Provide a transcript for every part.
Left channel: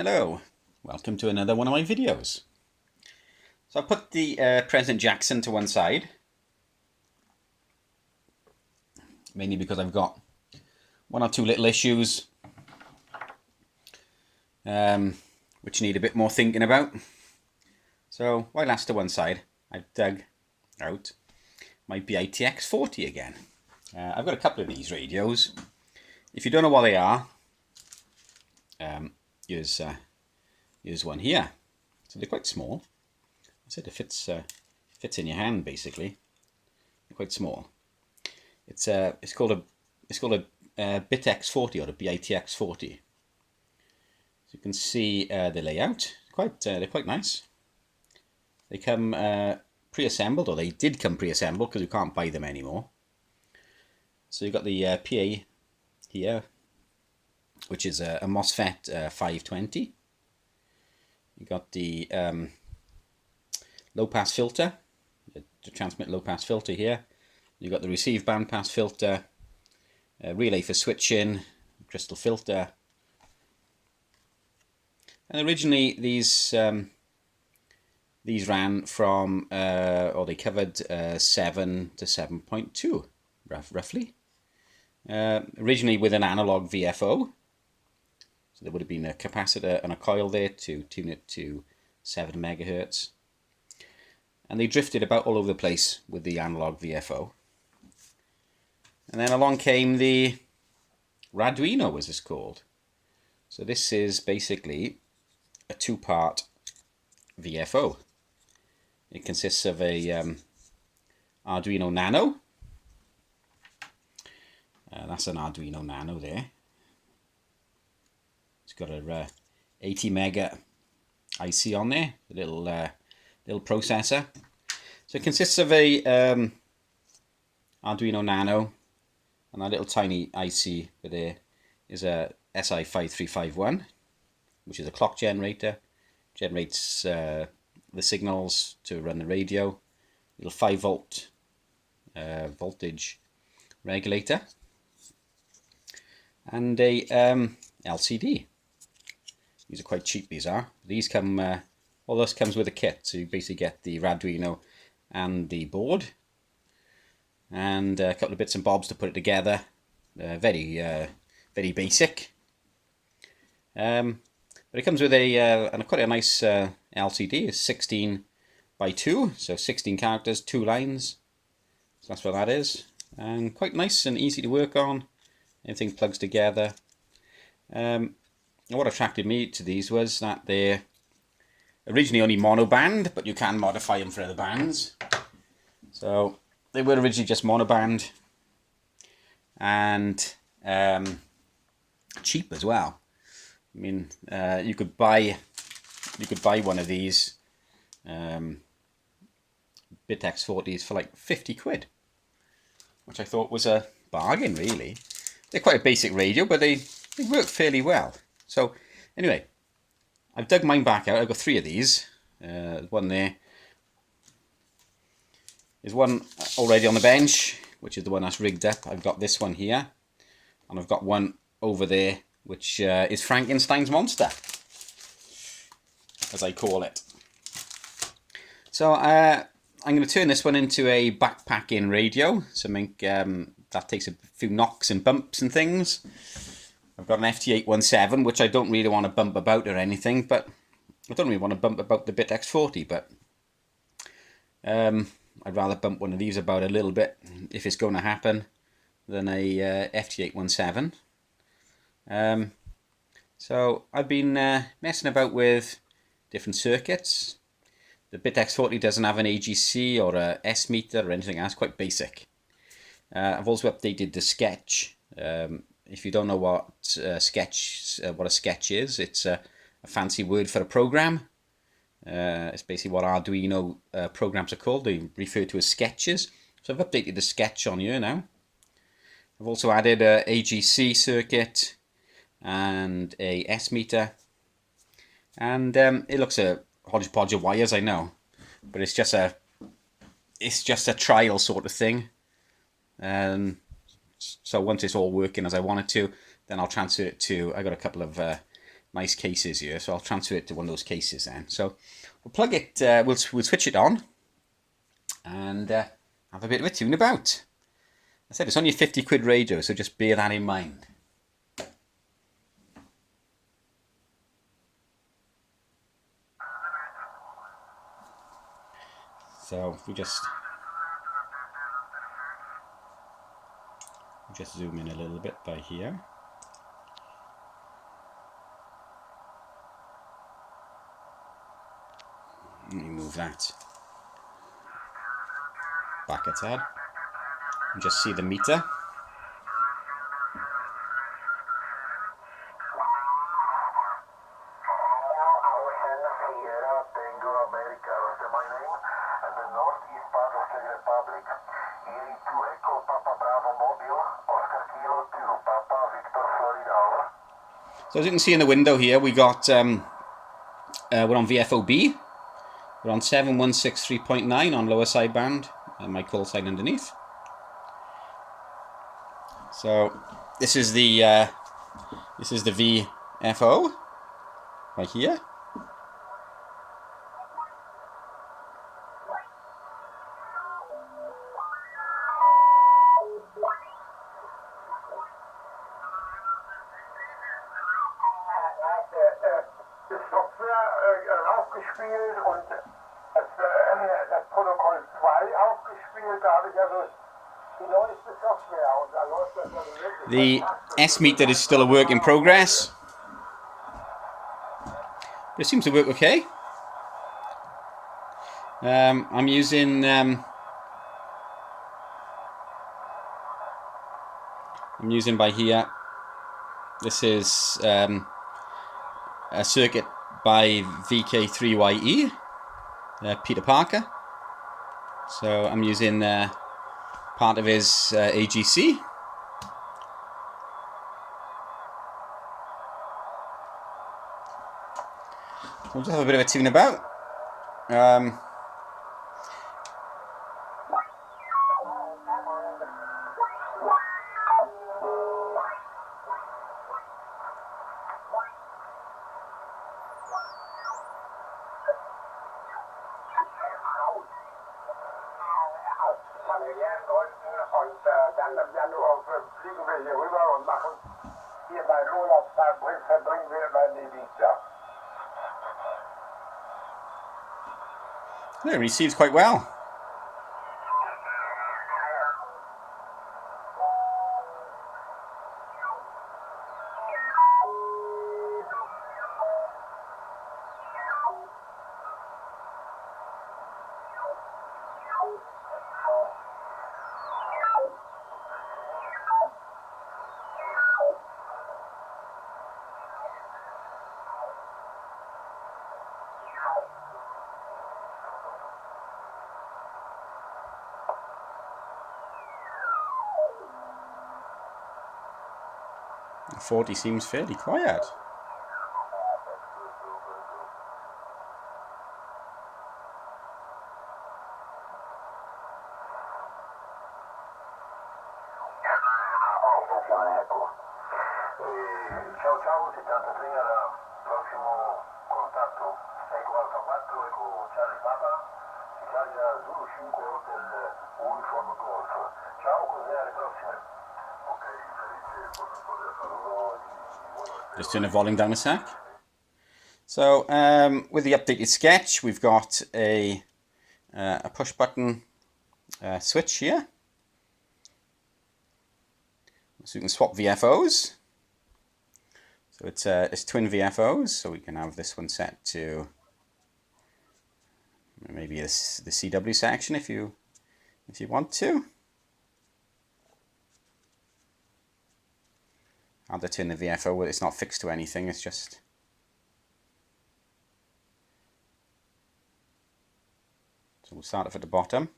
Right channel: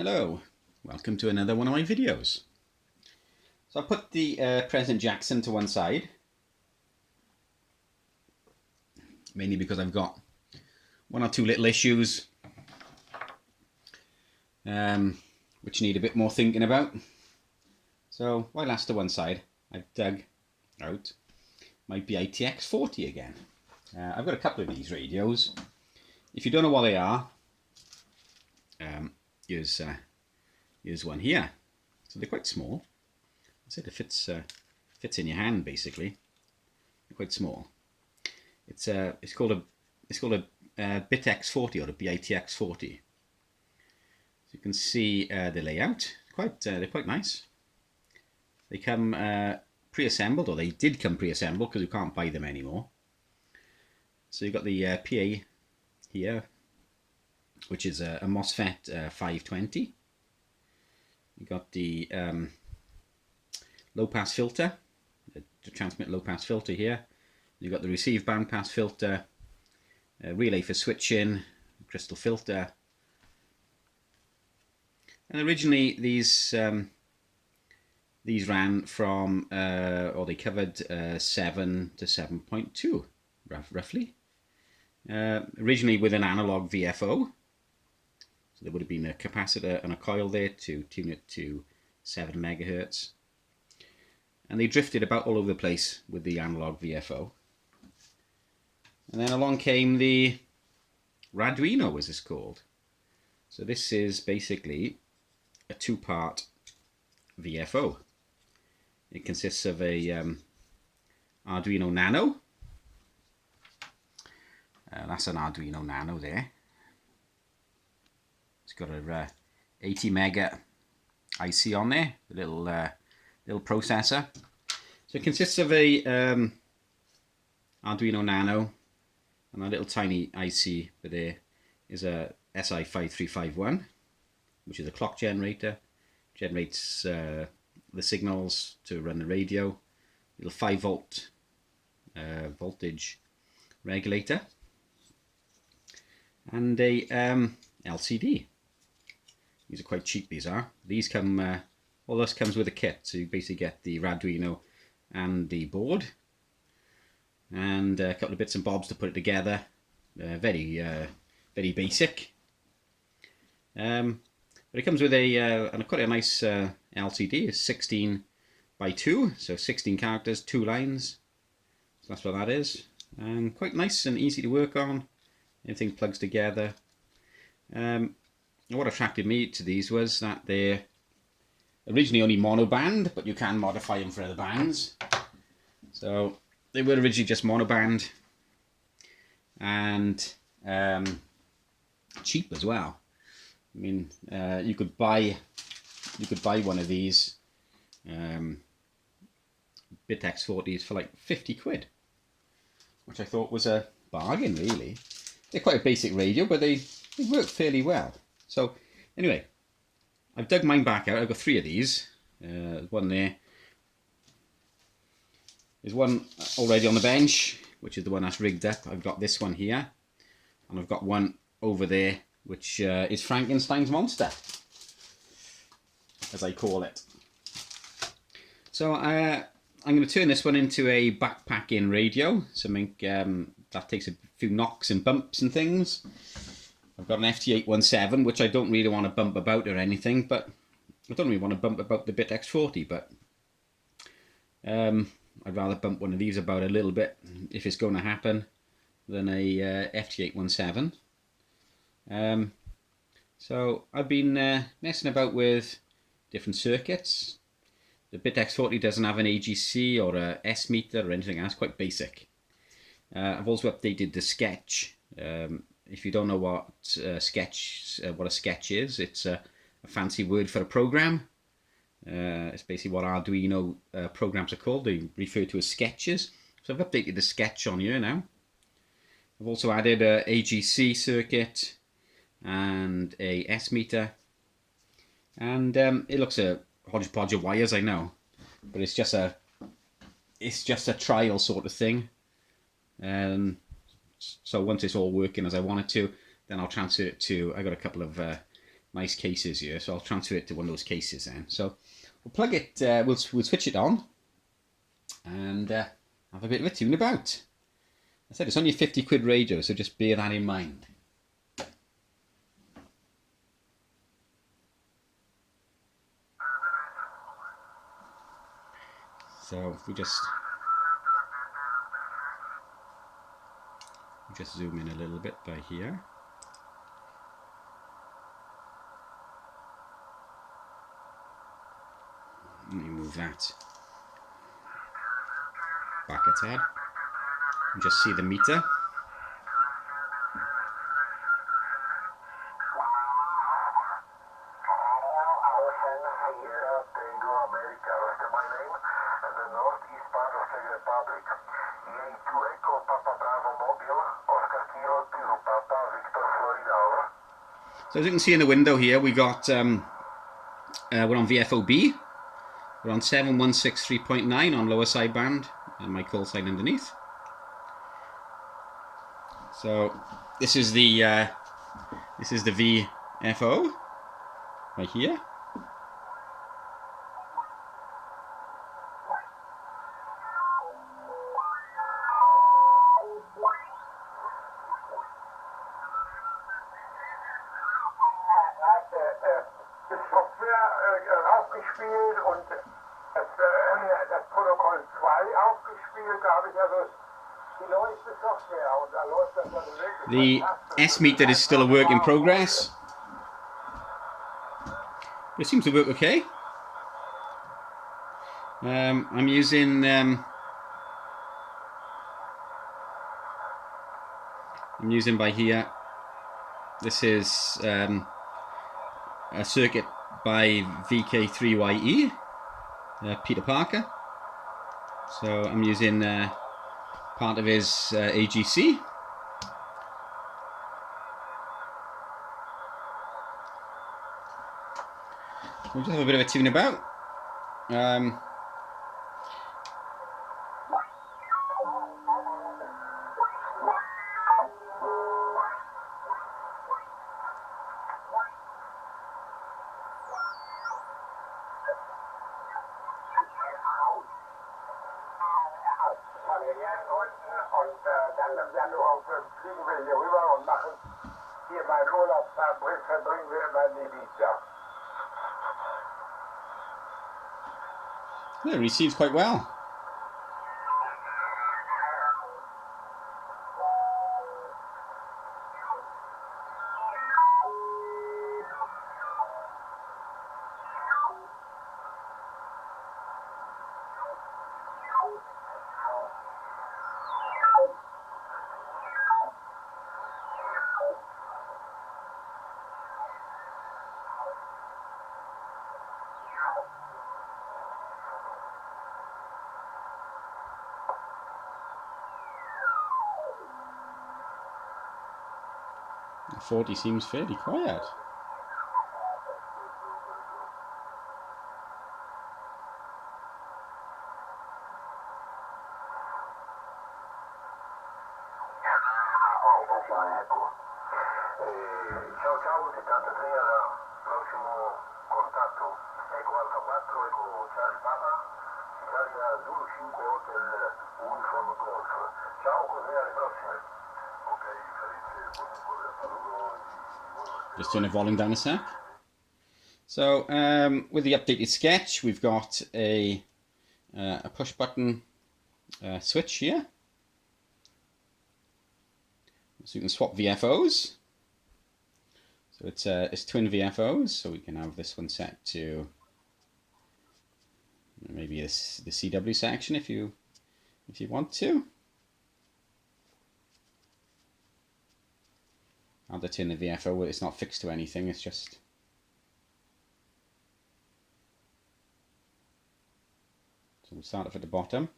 Hello, welcome to another one of my videos. So I put the President Jackson to one side, mainly because I've got one or two little issues which need a bit more thinking about. So while that's to one side, I've dug out my BITX-40 again. I've got a couple of these radios. If you don't know what they are, here's one here. So they're quite small. I said it fits in your hand basically. They're quite small. It's called a BITX-40 or a BITX-40. So you can see the layout. They're quite nice. They come pre-assembled, or they did come pre-assembled because you can't buy them anymore. So you've got the PA here, which is a MOSFET 520. You've got the low-pass filter, to transmit low-pass filter here. You've got the receive bandpass filter, relay for switching, crystal filter. And originally these ran from, or they covered 7 to 7.2, roughly. Originally with an analog VFO. So there would have been a capacitor and a coil there to tune it to 7 megahertz. And they drifted about all over the place with the analog VFO. And then along came the Arduino, as it's called. So this is basically a two-part VFO. It consists of a Arduino Nano. That's an Arduino Nano there. It's got a 80 mega IC on there, a little processor. So it consists of a Arduino Nano and a little tiny IC, but there is a SI5351, which is a clock generator. Generates the signals to run the radio. Little 5 volt voltage regulator, and a LCD. These are quite cheap. These are. These come. All this comes with a kit, so you basically get the Arduino and the board, and a couple of bits and bobs to put it together. Very basic. But it comes with quite a nice LCD. It's 16 by 2, so 16 characters, 2 lines. So that's what that is, and quite nice and easy to work on. Everything plugs together. What attracted me to these was that they're originally only monoband, but you can modify them for other bands. So they were originally just monoband, and cheap as well. I mean, you could buy one of these BITX-40s for like 50 quid, which I thought was a bargain, really. They're quite a basic radio, but they work fairly well. So anyway, I've dug mine back out. I've got 3 of these. One there. There's one already on the bench, which is the one that's rigged up. I've got this one here, and I've got one over there, which is Frankenstein's monster, as I call it. So I'm going to turn this one into a backpacking radio, something that takes a few knocks and bumps and things. I've got an FT817, which I don't really want to bump about or anything, but I don't really want to bump about the BITX-40, but I'd rather bump one of these about a little bit, if it's going to happen, than a FT817. So I've been messing about with different circuits. The BITX-40 doesn't have an AGC or a S meter or anything else, quite basic. I've also updated the sketch. If you don't know what a sketch is, it's a fancy word for a program. It's basically what Arduino programs are called. They refer to as sketches. So I've updated the sketch on here now. I've also added a AGC circuit and a S meter, and it looks a hodgepodge of wires, I know, but it's just a trial sort of thing. So once it's all working as I want it to, then I'll transfer it to, I got a couple of nice cases here, so I'll transfer it to one of those cases then. So we'll plug it, we'll switch it on and have a bit of a tune about. I said it's only a 50 quid radio, so just bear that in mind. So if we just zoom in a little bit by here. And you move that back a tad and just see the meter. So as you can see in the window here, we got we're on VFOB. We're on 7163.9 on lower sideband, and my call sign underneath. So this is the VFO right here. The S meter is still a work in progress. It seems to work okay. I'm using by here. This is a circuit by VK3YE, Peter Parker. So I'm using part of his AGC. We'll just have a bit of a tune about. Dann fliegen wir hier rüber und machen hier meinen Urlaubstag, verbringen wir immer in Ibiza. Yeah, it receives quite well. The 40 seems fairly quiet. Ciao ciao 73 al prossimo contatto Eco Alfa 4 Eco Charlie Papa Italia Zulu 5 Hotel Uniform Golf. Ciao, così alle prossime. Ok, felice, Just turn the volume down a sec. So with the updated sketch, we've got a push button switch here. So we can swap VFOs. So it's twin VFOs, so we can have this one set to maybe the CW section if you want to. I'll have to turn the VFO where it's not fixed to anything, it's just so we'll start off at the bottom.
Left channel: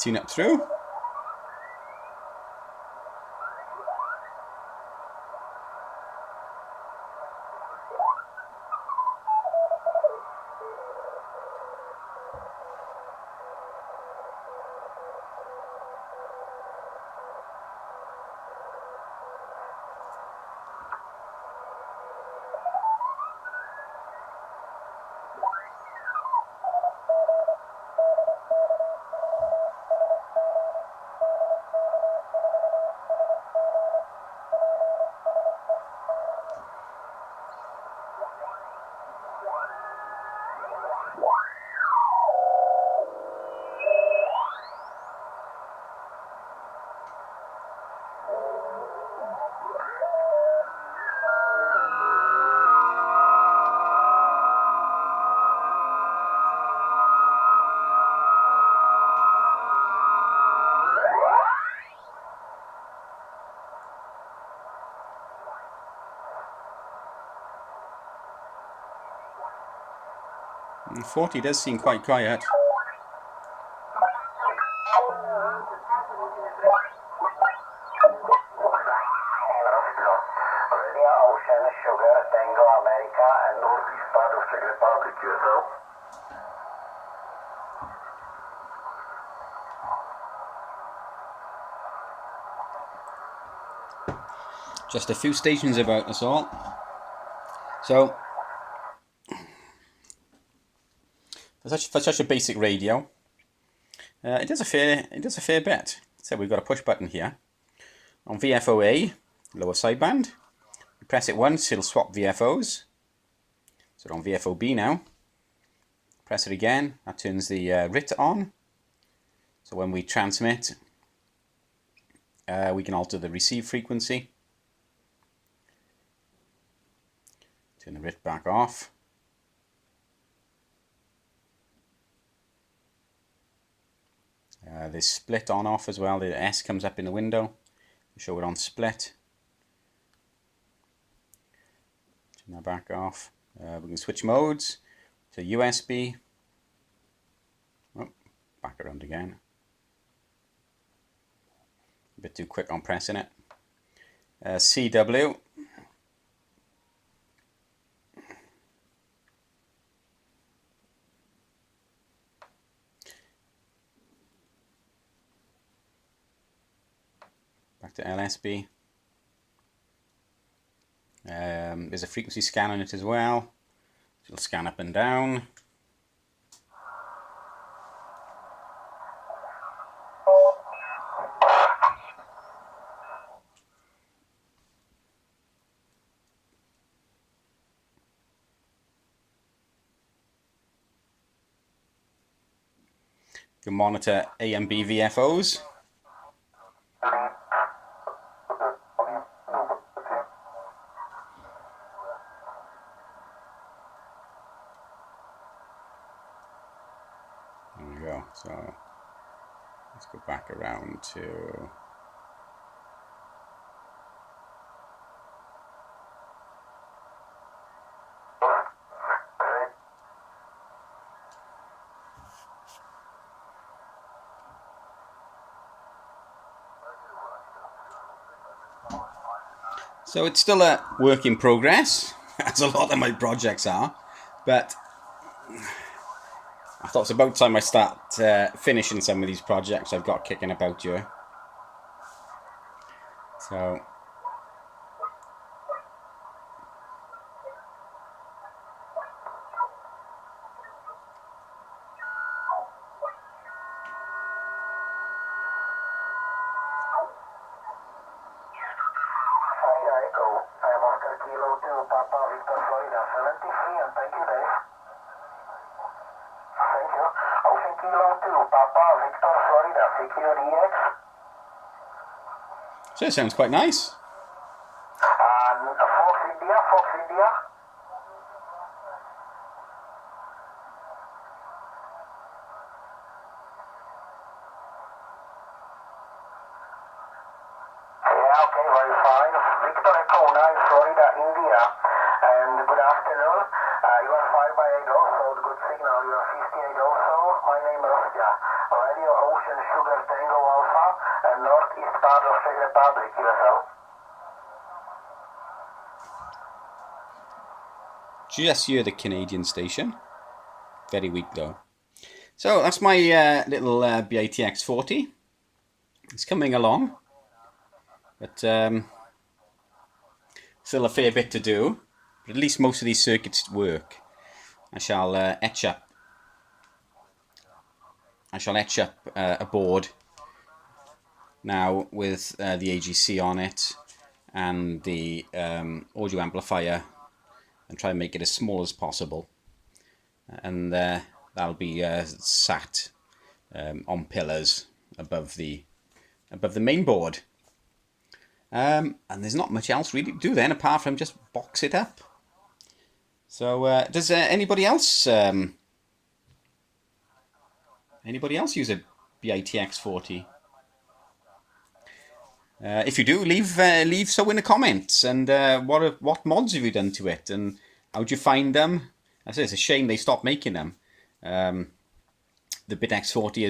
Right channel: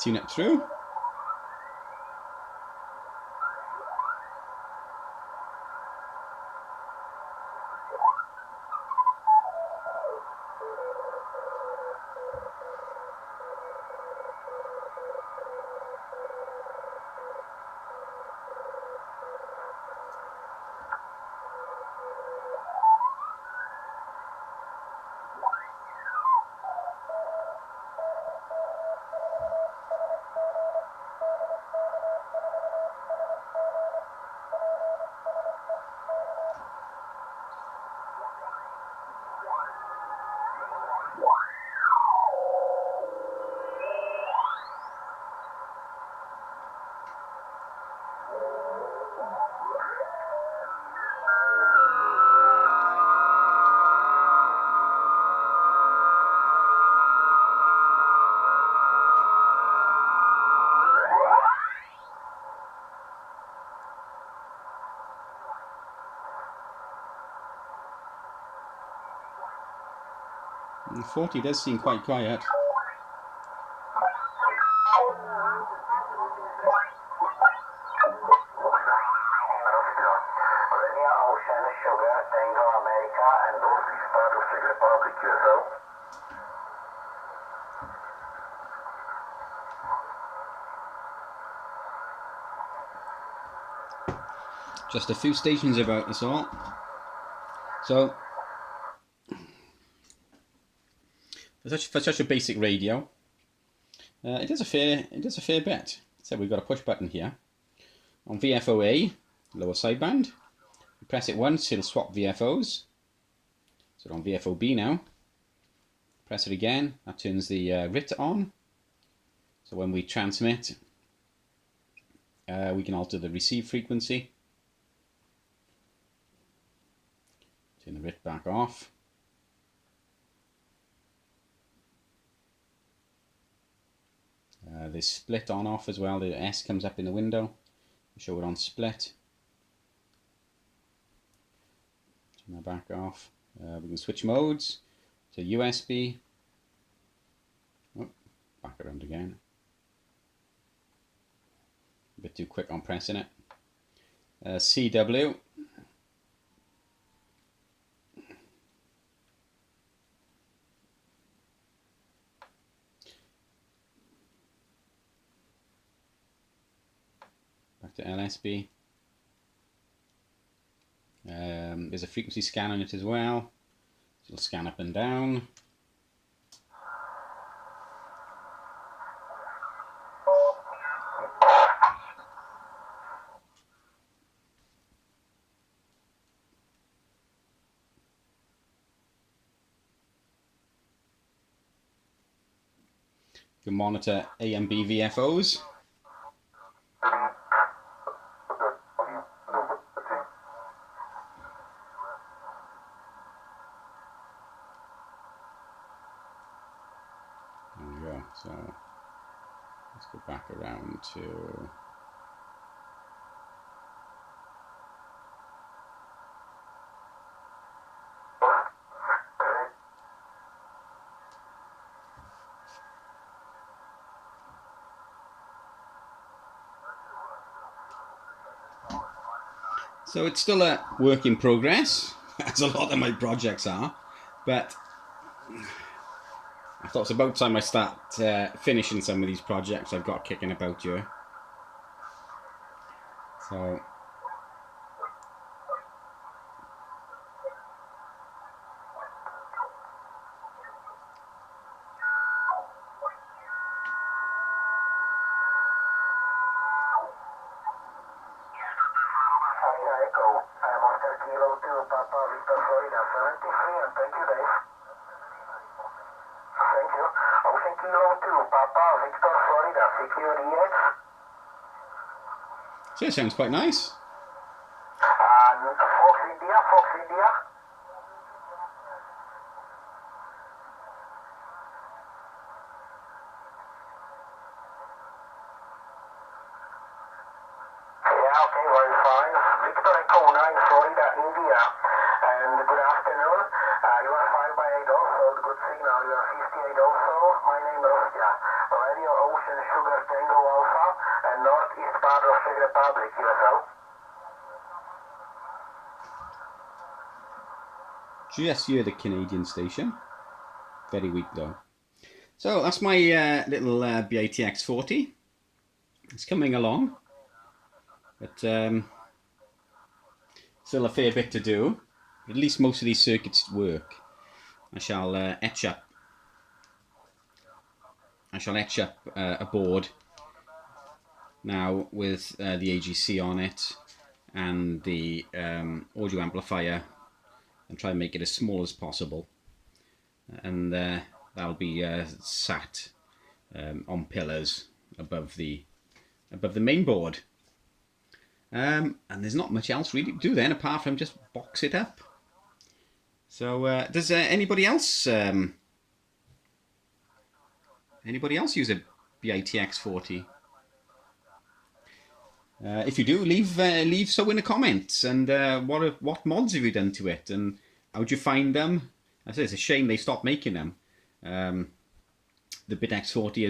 Tune it through. 40 does seem quite quiet. Romania, Ocean, Sugar, Tango, America, and northeast part of Czech Republic, USL. Just a few stations about, that's all. So, for such a basic radio, it does a fair bit. So we've got a push button here on VFOA, lower sideband. You press it once, it'll swap VFOs. So on VFOB now. Press it again, that turns the RIT on. So when we transmit, we can alter the receive frequency. Turn the RIT back off. There's split on off as well. The S comes up in the window. Show it on split. Turn that back off. We can switch modes to USB. Oh, back around again. A bit too quick on pressing it. CW. Back to LSB. There's a frequency scan on it as well. It'll scan up and down. You can monitor A and B VFOs. There we go. So let's go back around to so it's still a work in progress, as a lot of my projects are, but I thought it's about time I start finishing some of these projects I've got kicking about here. So Echo. I am Oscar Kilo 2, Papa Victor, Florida 73, and thank you, Dave. Thank you. Ocean Kilo 2, Papa Victor, Florida 60DX. so it sounds quite nice. And Fox India, Fox India. Yeah, okay, very fine. Victor Echo 9, Florida, India. And good afternoon. You are 5 by 8 also, good signal. You are 58 also. My name is Rostya. Radio Ocean Sugar Tango Alpha and northeast part of Czech Republic, USL. Just hear the Canadian station. Very weak though. So that's my little BITX-40. It's coming along, but still a fair bit to do. But at least most of these circuits work. I shall etch up a board now with the AGC on it and the audio amplifier, and try and make it as small as possible, and that'll be sat on pillars above the main board, and there's not much else really to do then apart from just box it up. So does anybody else use a BITX-40? If you do, leave so in the comments, and what mods have you done to it, and how do you find them, I say it's a shame they stopped making them. The BITX-40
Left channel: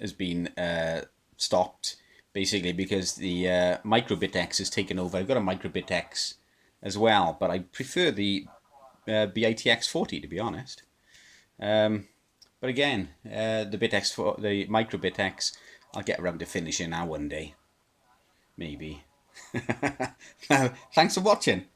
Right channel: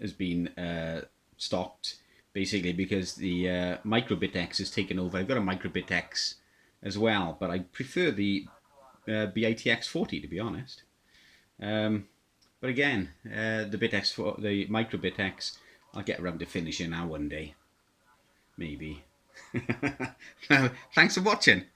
has been stopped basically because the Micro-Bitx has taken over. I've got a Micro-Bitx as well, but I prefer the BITX-40 to be honest. But again, the Micro-Bitx, I'll get around to finishing now one day, maybe. Now, thanks for watching.